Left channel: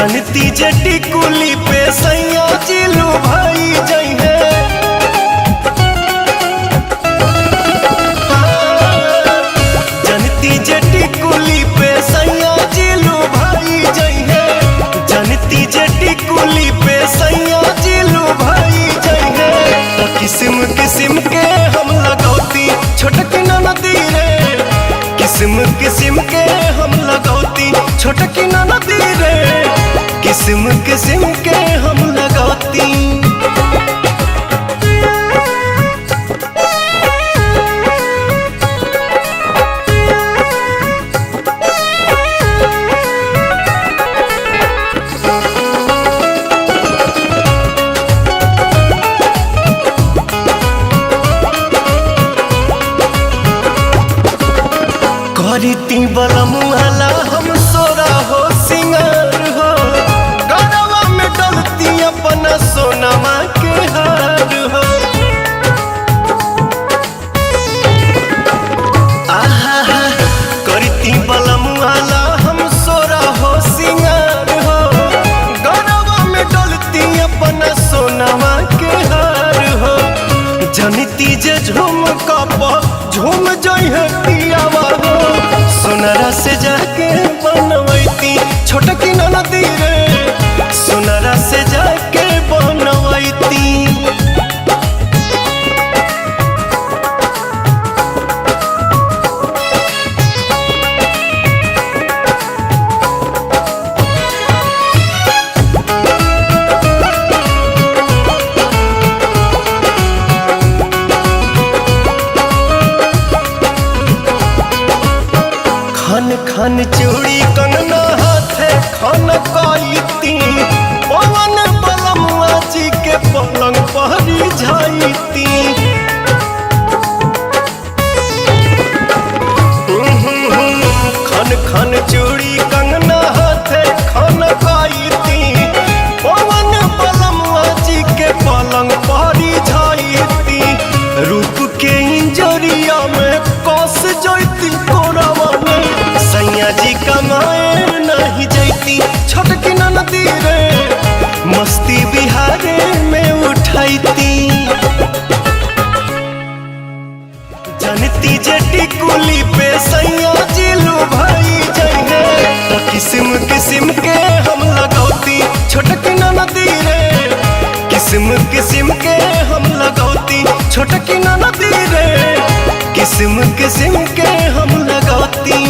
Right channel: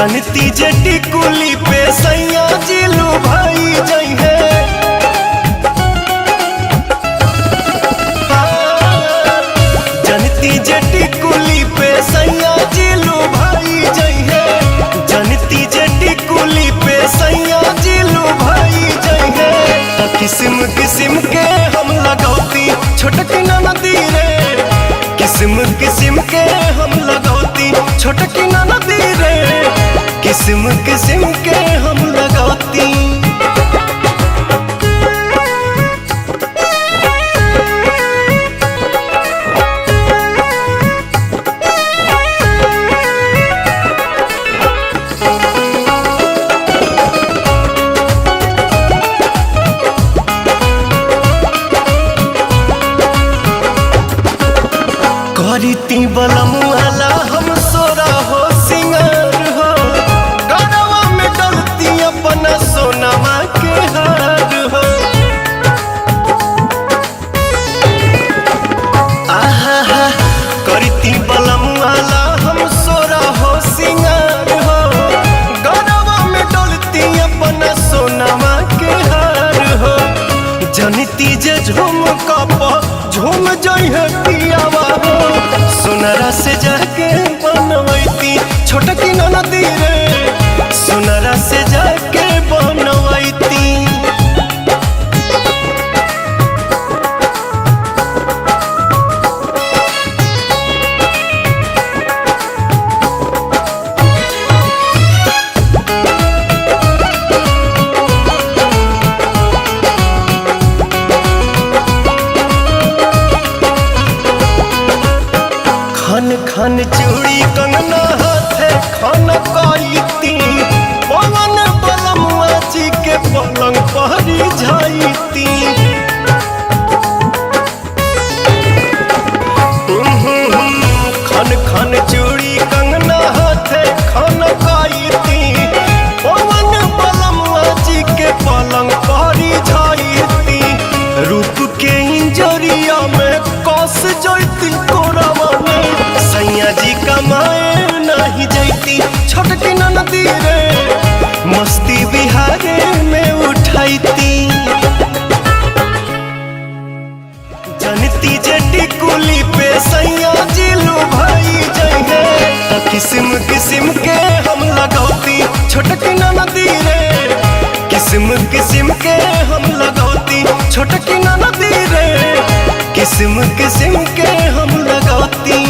जनती जे टिकुली पे सैया जिलू भाई जई है। जनती जे टिकुली पे सैया जिलू भाई जई है। जनती जे टिकुली पे सैया जिलू भाई जई है। तो किस्म किस्म के हम लगौती छोटकी नदी रे। किस्म किस्म के हम लगौती छोटकी नदी रे। किस्म किस्म के हम लगौती। करीती बलमुआला हम सोरा हो सिंगार हो। गरवा में डलती अपना सोनमा के हार हो। आहा करीती बलमुआला हम सोरा हो सिंगार हो। गरवा में डलती अपना सोनमा के हार हो। जनती जे झूम कप झूम जई है पियावा हो। सोनरा से जाके बनवैती छोटकी नदी रे। सोनरा से जाके बनवैती। खन खन चूड़ी कंगना हाथे खन काईती। पवन बलमुआ जी के पलंग पहरी जाईती। खन खन चूड़ी कंगना हाथे खन काईती। पवन बलमुआ जी के पलंग पहरी जाईती। रूप के इंजरिया में कस जैती कोरावा में। सैया जी कमाए नहीं जैती छोटकी नदी रे। मस्ती बिहारे में उठाईती। जनती जे टिकुली पे सैया जिलू भाई जई है। तो किस्म किस्म के हम लगौती छोटकी नदी रे। किस्म किस्म के हम लगौती छोटकी नदी रे। किस्म किस्म के हम लगौती।